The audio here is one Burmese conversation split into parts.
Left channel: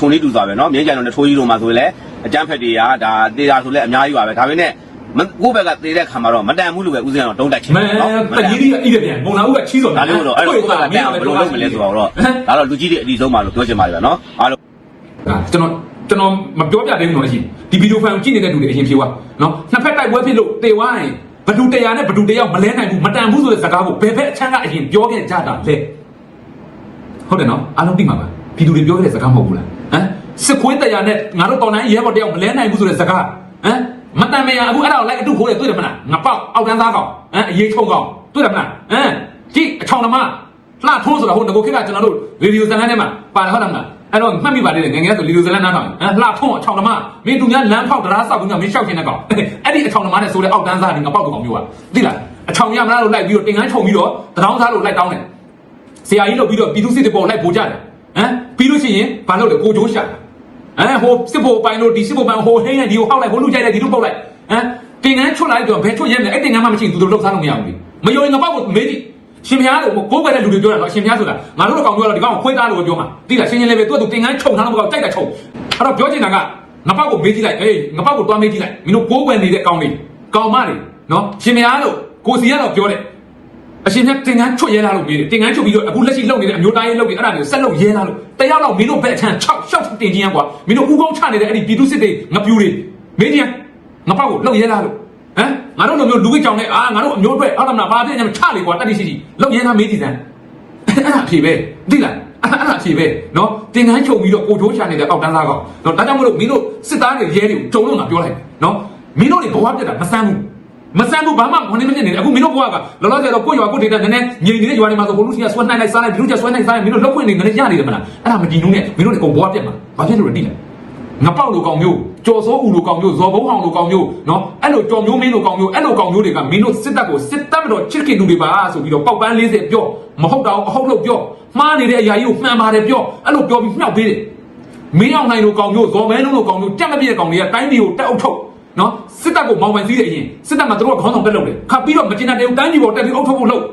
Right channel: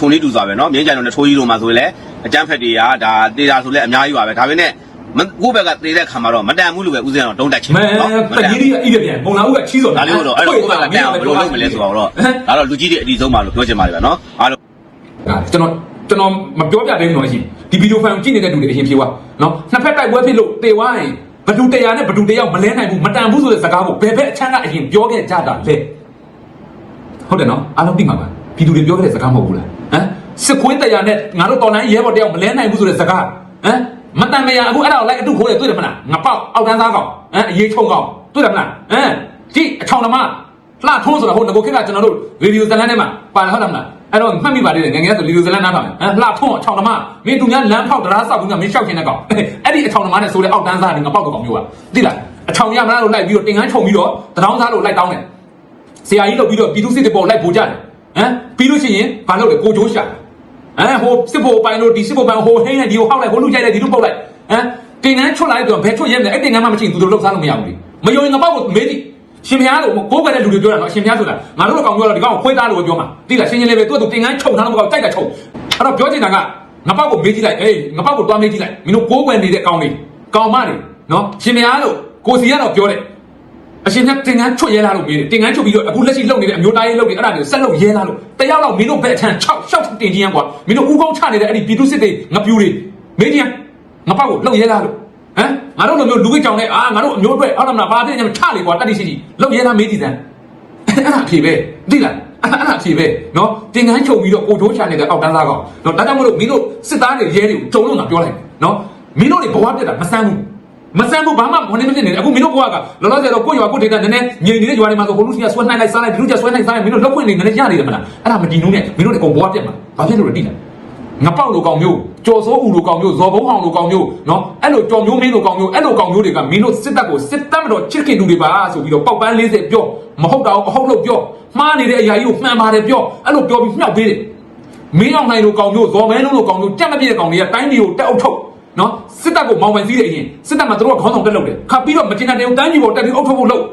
ထုံလေးတူစွာပဲနော်မြင်းကြိုင်တို့နဲ့ထိုးကြီးတို့မှာဆိုရင်လည်းအကြမ်းဖက်တွေကဒါတေတာဆိုလည်းအများကြီးပါပဲဒါပေမဲ့မကိုယ့်ဘက်ကသေးတဲ့ခါမှာတော့မတန်ဘူးလို့ပဲဦးဇင်းတော့တုံးတက်ချင်မဲတယ်နော်ပကြီးကြီးအီးကပြန်မုံလာဦးကချီးစော်ဒါလေးတော့အဲ့လိုကိုယ့်ဘက်ကတန်ဘယ်လိုလုပ်မလဲဆိုတော့ဒါတော့လူကြီးတွေအတီဆုံးပါလို့ပြောချင်ပါတယ်ဗျာနော်အားလုံးကျွန်တော်ကျွန်တော်မပြောပြသေးဘူးမရှိဒီဗီဒီယိုဖိုင်ကိုကြည့်နေတဲ့လူတွေအရင်ပြေသွားနော်နှစ်ဖက်တိုက်ပွဲဖြစ်လို့တေသွားရင်ဘဒူတရားနဲ့ဘဒူတရားမလဲနိုင်ဘူးမတန်ဘူးဆိုတဲ့စကားကိုဘယ်ဘက်အချမ်းကအရင်ပြောခဲ့ကြတာလဲဟုတ်တယ်နော်အားလုံးသိမှာပါပြည်သူတွေပြောခဲ့တဲ့စကားမဟုတ်ဘူးလား ဟမ်စစ်ခွေးတရားနဲ့ငါတို့တော်နိုင်ရဲဘော်တယောက်မလဲနိုင်ဘူးဆိုတဲ့စကားဟမ်မတန်မရအခုအဲ့ဒါကိုလိုက်အတူခိုးရတွေ့တယ်မလားငါပေါက်အောက်တန်းသားကောင်ဟမ်အရေးချုံကောင်တွေ့တယ်မလားဟမ်ဒီအချောင်းသမားလှထိုးဆိုတော့ဟုတ်ငကိုခေတ်ကကျွန်တော်တို့ဗီဒီယိုဇာတ်လမ်းထဲမှာပါတယ်ဟုတ်တယ်မလားအဲ့တော့မှတ်မိပါလေငယ်ငယ်ဆိုဗီဒီယိုဇာတ်လမ်းနားတော့ဟမ်လှထုံးအချောင်းသမားမင်းသူများလမ်းထောက်တရားဆောက်ပြီးတော့မင်းရှောက်ချင်တဲ့ကောင်အဲ့ဒီအချောင်းသမားနဲ့ဆိုလေအောက်တန်းသားနေငါပေါက်တော့ကောင်မျိုးอ่ะသိလားအချောင်းရမလားလို့လိုက်ပြီးတော့တင်ငန်းခြုံပြီးတော့တရားသားလို့လိုက်တောင်းတယ်ဆရာကြီးလုပ်ပြီးတော့ပြည်သူစစ်တပေါ်လိုက်ပို့ကြတယ် ဟမ်ပြီးလို့ရှိရင်ဘာလုပ်လဲကိုချိုးရှာဟမ်ဟိုစစ်ပေါ်ပိုင်းလို့ဒီစစ်ပေါ်ပိုင်းဟိုဟင်းနဲ့ဒီကိုပေါက်လိုက်ဟိုလူကြိုက်လိုက်ဒီလိုပေါက်လိုက်ဟမ်တင်ငန်းချွတ်လိုက်တော့ဘယ်ချွတ်ရဲလဲအဲ့တင်ငန်းမှမရှိရင်သူတို့လှုပ်ရှားလို့မရဘူးမယုံရင်ငါပေါက်ကိုမေးကြည့်ရှင်မရလို့ကိုယ်ကလည်းလူတွေပြောတာနော်ရှင်မရဆိုတာငါတို့ကောင်ပြောတာဒီကောင်အခွင့်အရေးလို့ပြောမှာသိလားရှင်ရှင်လေးပဲသူ့သူတင်ငန်းခြုံထားတော့ကြိုက်တာခြုံအဲ့တော့ပြောချင်တာကငါပေါက်ကိုမေးကြည့်လိုက်ဟေးငါပေါက်ကိုတွားမေးကြည့်လိုက်မင်းတို့ကိုးကွယ်နေတဲ့ကောင်တွေကောင်မတွေနော်ရှင်မရလို့ကိုစီကတော့ပြောတယ် အရှင်မြတ်တင်ငန်းချွတ်ရဲလာလို့မင်းတင်ငန်းချွတ်ပြီးတော့အခုလက်ရှိလုပ်နေတဲ့အမျိုးသားရေးလုပ်နေအဲ့ဒါတွေဆက်လုပ်ရဲလာလို့တရားတော့မင်းတို့ဘက်အထန်6 6တင်ကြီးရန်ကွာမင်းတို့ဥကောင်းချနေတဲ့အဲ့ဒီပြည်သူစစ်တွေငပြူတွေမင်းကြီးငပောက်ကိုလုပ်ရဲလာလို့ဟမ်ငါတို့လိုမျိုးလူကြီးကြောင်လဲအာငါတို့အမျိုးတွေဟုတ်တယ်မလားငါပြည့်ညချလေကွာတက်တိရှိရှိလုပ်ရဲလာမေးကြည့်စမ်းအဲ့ဒါအဖြေပဲသိလားအဲ့ဒါအဖြေပဲနော်တင်ငန်းချုပ်ပြီးတော့ကိုထိုးချနေတဲ့အောက်တန်းသားကောင်နော်ဒါကြောင့်မို့လို့မင်းတို့စစ်သားတွေရဲတွေကိုဂျုံလို့မှပြောလိုက်နော်မင်းတို့တွေဘဝပြတ်တာမဆန်းဘူး မဆန်ဘူးဘာမှဝင်နေမဖြစ်နေတယ်အခုမင်းတို့ဘွားကလောလောဆယ်တော့ကိုယ့်ရွာကိုယ့်ဒေသနည်းနည်းငြိမ်နေတဲ့ရွာတွေမှာဆိုဘုလူစီကဆွဲနှိုင်းလိုက်စားလိုက်ဘလူကျဆွဲနှိုင်းစားလိုက်မင်းတို့လောက်ခွင့်နေနည်းနည်းရနေတယ်မလားအဲ့ဒါမကြည့်ဘူးနဲ့မင်းတို့လည်းအကုန်ဘွားပြက်ပါဘာဖြစ်လို့လဲတိလားငပောက်လိုကောင်မျိုးကြော်စိုးဦးလိုကောင်မျိုးဇော်ဘုံအောင်လိုကောင်မျိုးနော်အဲ့လိုကြော်မျိုးမင်းလိုကောင်မျိုးအဲ့လိုကောင်မျိုးတွေကမင်းတို့စစ်တပ်ကိုစစ်တပ်မတော်ချစ်ခင်လူတွေပါဆိုပြီးတော့ပောက်ပန်း40ပြောမဟုတ်တော့အဟုတ်လို့ပြောမှားနေတဲ့အရာကြီးကိုမှန်ပါတယ်ပြောအဲ့လိုပြောပြီးမြှောက်ပေးတယ်မင်းအောင်နိုင်လိုကောင်မျိုးဇော်မဲလုံးလိုကောင်မျိုးတက်မပြည့်တဲ့ကောင်တွေကတိုင်းပြည်ကိုတက်အုပ်ထုတ် နော်စစ်တပ်ကိုမောင်ပိုင်စည်းတယ်အရင်စစ်တပ်မှာတို့ကခေါင်းဆောင်တက်လုပ်တယ်ခါပြီးတော့မကျင်တဲ့တန်းကြီးပေါ်တက်ပြီးအုပ်ထုတ်ဖို့လုပ်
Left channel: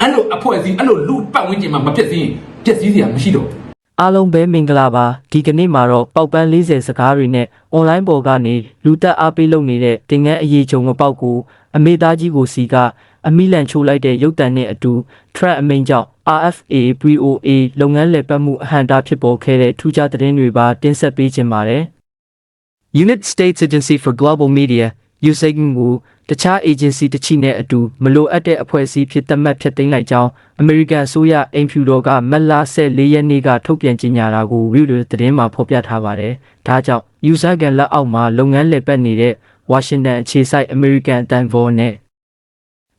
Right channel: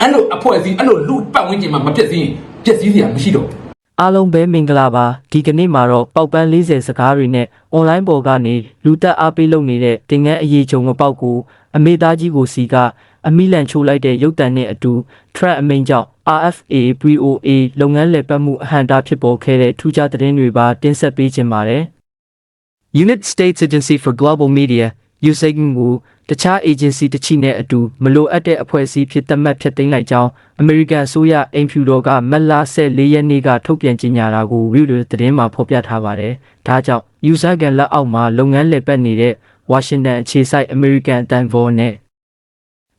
အဲ့လိုအဖွဲ့အစည်းအဲ့လိုလူပတ်ဝန်းကျင်မှာမပြည့်စည်ပြည့်စည်စရာမရှိတော့ဘူးအားလုံးပဲမင်္ဂလာပါဒီကနေ့မှာတော့ပေါက်ပန်း40စကားတွေနဲ့ online ပေါ်ကနေလူတက်အားပေးလုပ်နေတဲ့တင်ငန်းအရေးချုံမပေါက်ကိုအမေသားကြီးကိုစီကအမိလန်ချိုးလိုက်တဲ့ရုပ်တံနဲ့အတူ track အမိန်ကြောင့် RFA BOA လုပ်ငန်းလည်ပတ်မှုအဟန့်တာဖြစ်ပေါ်ခဲ့တဲ့ထူးခြားသတင်းတွေပါတင်ဆက်ပေးခြင်းပါတယ် Unit States Agency for Global Media USAID ကိုတခြား agency တစ်ချိနဲ့အတူမလိုအပ်တဲ့အဖွဲ့အစည်းဖြစ်သတ်မှတ်ဖြစ်သိမ်းလိုက်ကြောင်း American အစိုးရအိမ်ဖြူတော်ကမက်လာ14ရက်နေ့ကထုတ်ပြန်ကြေညာတာကို Reuters သတင်းမှာဖော်ပြထားပါတယ်။ဒါကြောင့် user ကန်လက်အောက်မှာလုပ်ငန်းလည်ပတ်နေတဲ့ Washington အခြေစိုက် American အတန်ဘောနဲ့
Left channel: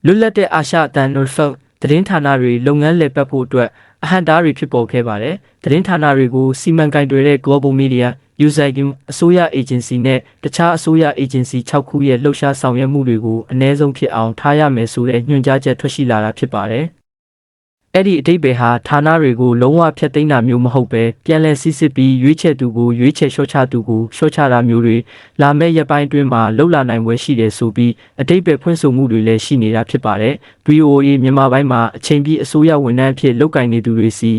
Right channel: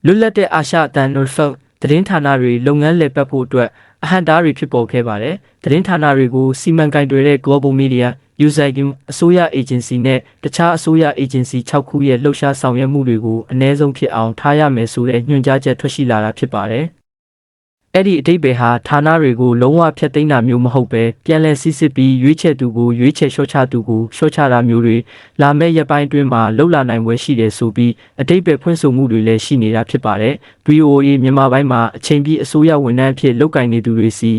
လွတ်လပ်တဲ့အာရှအတန် Norfolk သတင်းဌာနတွေလုပ်ငန်းလည်ပတ်ဖို့အတွက် အဟန့်တားတွေဖြစ်ပေါ်ခဲ့ပါတယ်။သတင်းဌာနတွေကိုစီမံကိန်းတွေတဲ့ Global Media USAID အစိုးရ agency နဲ့တခြားအစိုးရ agency 6ခုရဲ့လှုပ်ရှားဆောင်ရွက်မှုတွေကိုအ ਨੇ ဆုံးဖြစ်အောင်ထားရမယ်ဆိုတဲ့ညွှန်ကြားချက်ထွက်ရှိလာတာဖြစ်ပါတယ်။ အဲ့ဒီအတိတ်ပဲဟာဌာနတွေကိုလုံးဝဖျက်သိမ်းတာမျိုးမဟုတ်ပဲပြန်လည်စစ်စစ်ပြီးရွေးချယ်သူကိုရွေးချယ်လျှော့ချသူကိုလျှော့ချတာမျိုးတွေလာမယ့်ရက်ပိုင်းအတွင်းမှာလှုပ်လာနိုင်ပွဲရှိတယ်ဆိုပြီးအတိတ်ပဲဖွင့်ဆိုမှုတွေလည်းရှိနေတာဖြစ်ပါတယ်။ VOA မြန်မာပိုင်းမှာအချိန်ပြည့်အစိုးရဝန်ထမ်းအဖြစ်လုပ်ကိုင်နေသူတွေစီ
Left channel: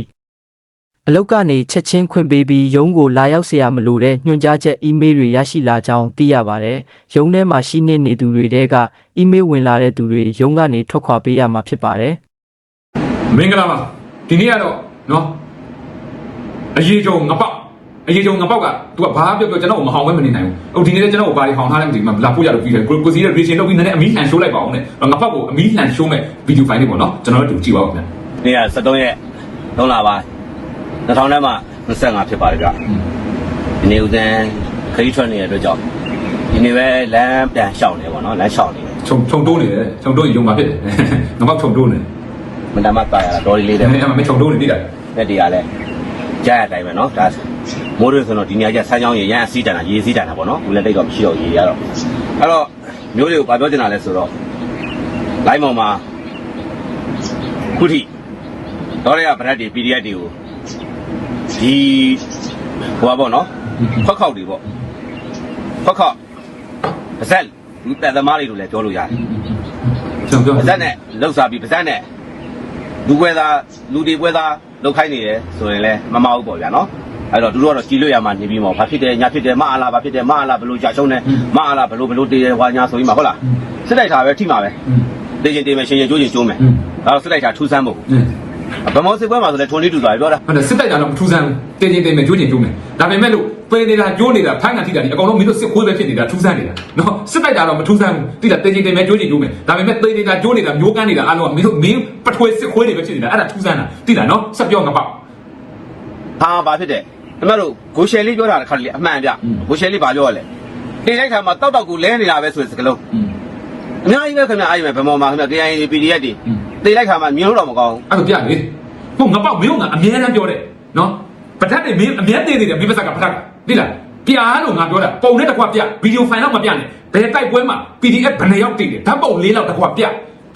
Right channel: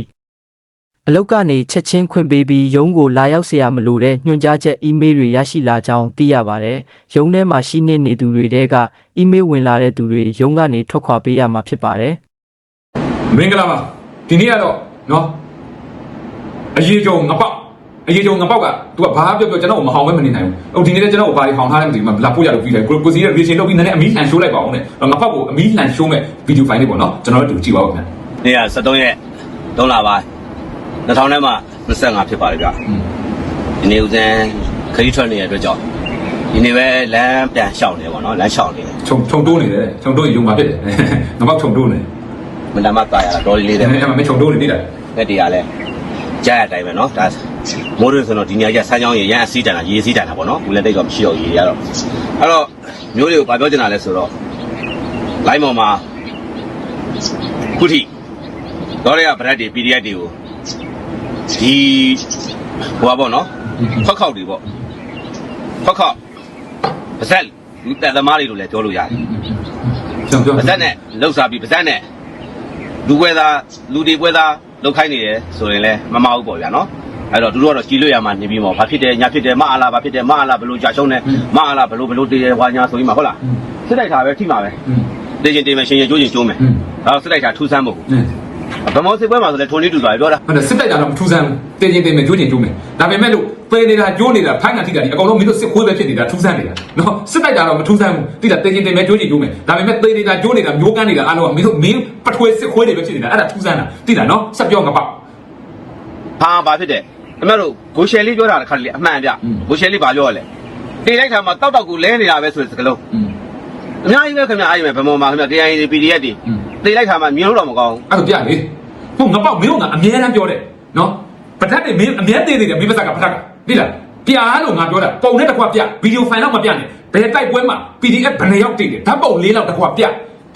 အလောက်ကနေချက်ချင်းခွင့်ပေးပြီးရုံးကိုလာရောက်เสียမလို့တဲ့ညွှန်ကြားချက်အီးမေးလ်တွေရရှိလာကြောင်းသိရပါတယ်။ရုံးထဲမှာရှိနေနေသူတွေတဲကအီးမေးလ်ဝင်လာတဲ့သူတွေရုံးကနေထွက်ခွာပေးရမှာဖြစ်ပါတယ်။ မင်္ဂလာပါဒီနေ့ကတော့နော်အရေးကြုံငပောက်အရေးကြုံငပောက်က तू ကဘာပြောပြောကျွန်တော်ကိုမဟောင်ပဲမနေနိုင်ဘူးဟိုဒီနေ့လည်းကျွန်တော်ကိုဘာတွေဟောင်ထားလဲမသိဘူးလာပို့ရတော့ပြီးတယ်ကိုကိုစီရဲ့ vision လုပ်ပြီးနည်းနည်းအမီးလှန်ရှိုးလိုက်ပါအောင်တဲ့ငပောက်ကိုအမီးလှန်ရှိုးမဲ့ဗီဒီယိုဖိုင်လေးပေါ့နော်ကျွန်တော်တို့ကြည့်ပါဦးခင်ဗျနေ့က73ရက်3လပါ2000ထဲမှာ25ဖြစ်ပါတယ်ဗျဒီနေ့ဦးဇင်းခရီးထွက်နေတဲ့အတွက်ကြောင့်ဒီနေ့ပဲလမ်းပြန်ရှောင်နေပါတော့လမ်းရှောင်နေခြုံခြုံတိုးနေတယ်ခြုံတိုးရင်ရုံပါဖြစ်တယ်ငပောက်ခြုံတိုးနေ မနမပါရတော်လေးလေးတယ်တဲ့အဲ့မှာမခြုံတိုးနေတိလိုက်တက်တီကလည်းကြားရတိုင်းပဲနော်ဒါမိုးတွေဆိုတော့ဒီညကျဆန်းချောင်းရေရမ်းစီးကြတာရေစီးကြတာပေါ့နော်ဘူးလည်းတိတ်တော့မရှိတော့ရေရတော့အဲ့တော့မျိုးတွေကိုပြောချင်တာလဲဆိုတော့ line ပေါ်မှာခုထိတော့ရဗရက်တွေ PDF တွေကိုဒီဟိုပါပေါ့နော်ဖောက်ခောက်တွေပေါ့ဖောက်ခောက်ပါဇက်လူတက်သမားတွေလို့လည်းပြောလို့ရတယ်ကျွန်တော်ပါပြောဇက်နဲ့လှုပ်စားပြီးပါဇက်နဲ့ လူခွဲသားလူဒီခွဲသားလောက်ခိုင်းနေတယ်ဆိုရင်လည်းမမဟုတ်ပေါ့ဗျာနော်အဲ့တော့သူတို့ကတော့ကြည်လို့ရမှာနေပြီးမှာဘာဖြစ်တယ်ညာဖြစ်တယ်မအားလားဘာဖြစ်တယ်မအားလားဘလို့ကြာရှုံးတယ်မအားလားဘလို့ဘလို့တည်တယ်ဟွာညာဆိုပြီးမှဟုတ်လားစစ်တိုက်တာပဲထိမှာပဲတည်ချင်းတည်မယ်ရှင်ရကျိုးကြီးကျုံးမယ်ဒါတော့စစ်တိုက်တာထူးဆန်းမှု ဗမောစစ်ပွဲမှာဆိုလဲထုံနေတူတာပြောတာအဲ့ဒါစစ်တိုက်တာတော့မထူးဆန်းဘူးတင်းချင်းတင်းမယ်ကျိုးချင်းကျိုးမယ်ဒါပေမဲ့လို့ပေးနေတာကျိုးနေတာထိုင်းကတိကဒီအကောင်လုံးမင်းတို့စစ်ခွေးပဲဖြစ်နေတာထူးဆန်းနေတာနော်စစ်တိုက်တာတော့မထူးဆန်းဘူးတိတာတင်းချင်းတင်းမယ်ကျိုးချင်းကျိုးမယ်ဒါပေမဲ့ပေးနေတာကျိုးနေတာကျိုးကန်းနေတာအားလုံးကမင်းတို့မင်းပထွေစစ်ခွေးတွေပဲဖြစ်နေတာအဲ့ဒါထူးဆန်းတာတိတာနော်ဆက်ပြောငါပေါ့ဟာဘာဖြစ်တယ်ခင်ဗျားတို့ဂိုရှယ်လေးပြောတာတစ်ခါလေအမှန်ပြဂိုရှယ်လေးဘာပြောရလဲဒီလိုက်ခါမှာတောက်တောက်ကူလဲနေတာပဲဆိုတဲ့စကလုံးအများကြီးပဲခင်ဗျာအားကြီးပဲဗမောမှာခင်ဗျာတရားရင် PDF တွေ တေးလိုက်ခါမှာမြင်လို့တော့မကောင်းဘူးအဲ့ဒါပြလေဟိုငါပေါ့မင်းကအမြဲတမ်းပြောတယ်နော်ပထက်တွေမင်းအမြဲတည်နေတယ်မင်းပါစကပထက်ကသိလားပြားလို့ငါပြောတာပုံနဲ့တစ်ခွက်ပြဗီဒီယိုဖိုင်တော့မပြနဲ့ဘယ်တိုက်ပွဲမှာ PDF ဘယ်နှယောက်တည်တယ်ဓာတ်ပုံလေးလောက်တစ်ခွက်ပြ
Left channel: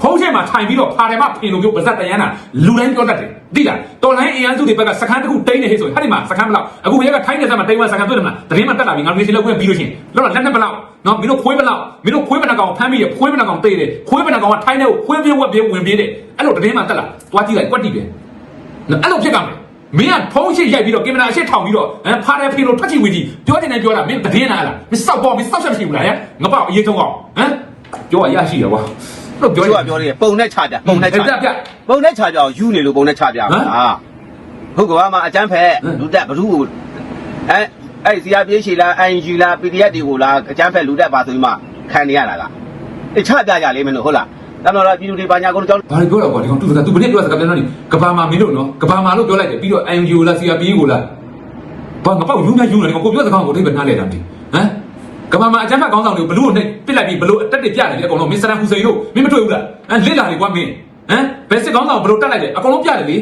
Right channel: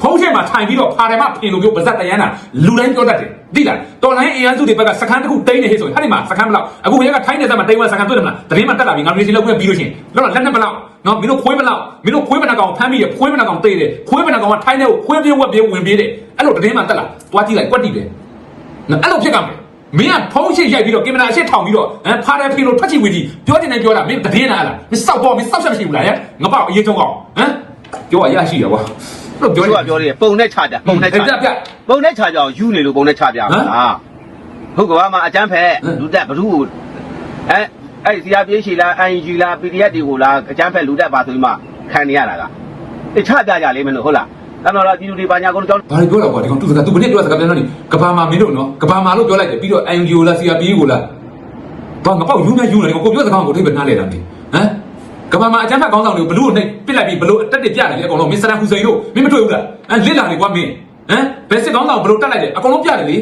ဖုံးချက်မှာထိုင်ပြီးတော့ဖာတယ်မှာပြင်လို့မျိုးပါစက်တရမ်းတာလူတိုင်းပြောတတ်တယ်သိလားတော်လိုင်းအင်အားစုတွေဘက်ကစကန်တစ်ခုတိန်းနေဟဲ့ဆိုဟာဒီမှာစကန်ဘလောက်အခုဘယ်ကထိုင်းနေစမ်းမှာတိန်းဝစကန်တွေ့တယ်မလားတရင်မှာတက်လာပြီငါမေးစီလောက်ခွင့်ပြီးလို့ရှိရင်တော့လက်နဲ့ဘလောက်နော်မင်းတို့ခွေးဘလောက်မင်းတို့ခွေးဘလောက်ကောင်ဖမ်းပြီးရခွေးဘလောက်ကောင်တိတ်တယ်ခွေးဘလောက်ကောင်ကထိုင်းနေကိုခွေးပြေးဝက်ပြေးဝင်ပြေးတယ်အဲ့လိုတရင်မှာတက်လာသွားကြည့်လိုက်ကွက်တိတယ်နော်အဲ့လိုဖြစ်ကမယ်မင်းကဖုံးရှိရိုက်ပြီးတော့ကင်မရာရှစ်ထောင်ပြီးတော့ဟမ်ဖာရဖီလိုထွက်ချီဝီကြီးပြောနေတယ်ပြောတာမင်းအတင်းနာတာမင်းစောက်ပေါ်မင်းစောက်ချက်မရှိဘူးလားဟဲ့ငါပေါ့အရေးဆုံးအောင်ဟမ်ပြောရရရှိရကွာ လို့ပြောပြောရရပြောတယ်ပုံနဲ့ချကြပုံနဲ့ချပြပြပုံနဲ့ချကြအောင်ယူနေလို့ပုံနဲ့ချပြဟမ်ဟာလူကဘာမှာအကျန်းဖဲဟမ်လူတက်ဘ누구အဲအဲ့ဒီစီယာပြေးရှိလား ING လား PDF တွေကိုလားအကျန်းဖဲလူတက်ပါဆိုပြီးမှခံနေရတာကအဲချပြကြလိမ့်မယ်လို့ဟုတ်လားအဲ့တော့ဒီလူတွေဘာညာကုန်ကြောင်းဘာလို့ပြောတော့ကွာဒီကောင်သူစကားသူဘယ်နဲ့ပြောစကားပြန်တော့ဒီကဘာမှာမင်းတို့နော်ကဘာမှာလို့ပြောလိုက်တယ်ပြီးတော့ INGO လား CRPA ကိုလားဘာငါပေါ့ယူနေယူနေကိုပြောစကားကိုလေးပဲနားလေတာမင်းဟမ် ကဘာမှာအကြမ်းဖက်ကောင်းဆောင်တွေဘလို့နဲ့ပြစ်လိုက်ပြီးဘလို့အတက်တွေပြတယ်အကုန်လုံးမစ္စတာဟူစိန်တို့မင်းမတွေ့ဘူးလားအဲလစ်လာနေကွာမင်းဟမ်ဘယ်စစ်ကောင်းဆောင်ဘလို့တက်လိုက်တယ်အကုန်လုံးပြတယ်လေ